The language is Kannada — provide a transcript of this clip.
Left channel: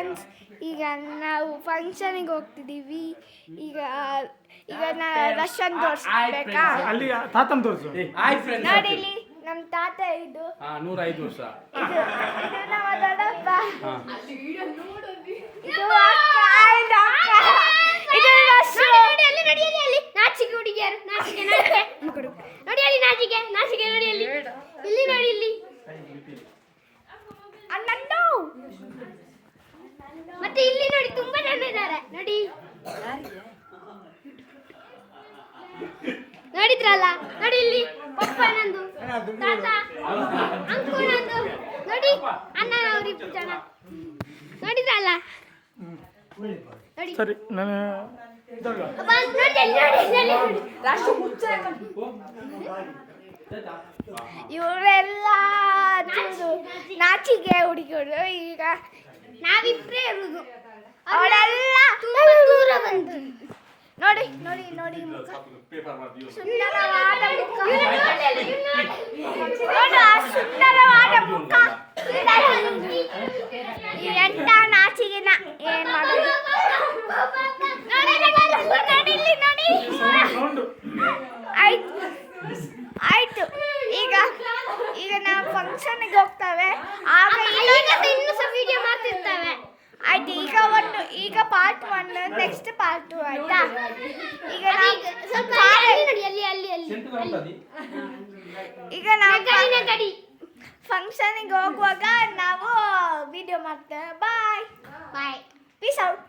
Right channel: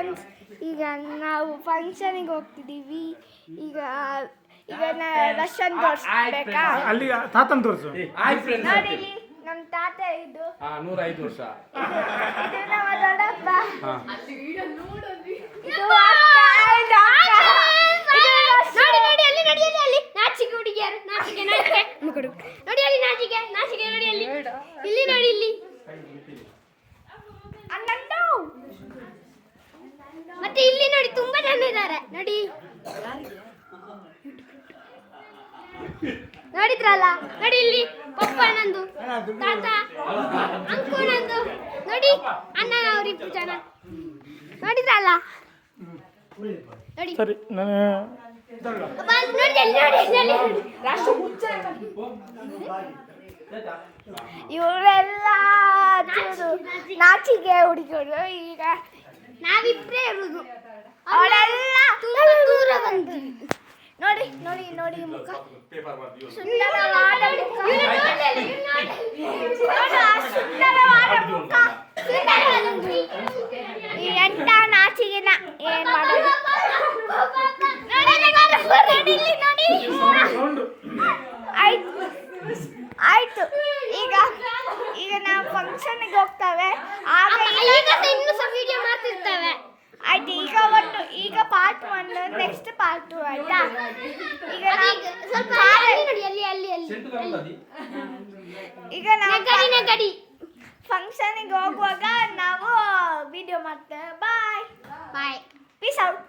ಫ್ರೆಂಡ್ಸ್, ಈಗ ನಾವು ಫಂಕ್ಷನಿಗೆ ಹೋಗ್ತಿದ್ದೀವಿ. ಈಗ ಈಗ ರಶನ್ ತೋರಿಸ್ಬೇಕಾ? ಅಲ್ಲಿ ತಾತನ್ ತೋರಿಸು. ನೋಡಿ ಇಲ್ಲಿ ನಮ್ಮ ತಾತ. ಇದು 105 ವರ್ಷ. ಇದು ನಮ್ಮ ದೊಡ್ಡಪ್ಪ. ಇದು ಅಕ್ಕ. ಇದು ರಶು. ಅಲ್ಲಿ ನಾಚಿಕೆ ಹುಡುಗಿಯರು, ನಾಚಿಕೆ ನೋಡಿ ಅಲ್ಲಿ ನಾಚಿಕೆ ನೋಡಿ ಅಲ್ಲಿ, ಇಲ್ಲಿ ನೋಡಿ ಇಲ್ಲಿ ಅನ್ನಂದು. ಮತ್ತೆ ಇಲ್ಲಿ ನೋಡಿ ತುಂಬಾ ಜನ ಇದ್ದಾರೆ ನೋಡಿ. ನೋಡಿದ್ರಲ್ಲ, ನೋಡಿ ಇಲ್ಲಿ ಪಪ್ಪ ನಂದು, ತಾತ, ಅಂಕು ನಂದು, ನೋಡಿ ಅಣ್ಣ ಅವ್ರಿಬ್ರು ಜನ ನೋಡಿದ್ರಲ್ಲ. ನೋಡಿ ಸರಿ, ನಾನು ಇವರೆಲ್ಲ ನಾಚಿಕೆ ಹುಡುಗಿಯರು. ಈಗ ನಾವಿಬ್ರೇ ಇರುವುದು, ಅವಳೆಲ್ಲ ತುಂಬಾ ದೂರ ಬಂದು. ನೋಡಿ ನೋಡಿ ನೋಡಿ ಮುಖ, ಸುಂದರವಾದ ಮುಖ, ಸುಂದರವಾದ ಮುಖ. ಈ ಎಂಟ ನಾಚಿಗೆನ ಏನ್ ಮಾಡೋದು? ಆಯ್ತು, ಈಗ ಈಗ ನಾವು ಫಂಕ್ಷನ್ಗೆ ಹೋಗ್ತೇವೆ. ಆಗ ಇನ್ನೂ ಸಹ ವಿಡಿಯೋ ಮಾಡ್ತಿರ್ತೇವೆ. ಆಯ್ತು, ಈಗ ಪಾರ್ಟ್ 1, ನೆಕ್ಸ್ಟ್ ಪಾರ್ಟ್ 2 ಆಯ್ತಾ? ಈಗ ಸ್ವಲ್ಪ ಈಗ ನಾವು ಫಂಕ್ಷನ್ಗೆ ಹೋಗುವಾಗ ನಾವು ವಿಡಿಯೋ ಮಾಡ್ತೇವೆ. ಬಾಯ್, ಬಾಯ್, ಪೀಸ್ ಔಟ್.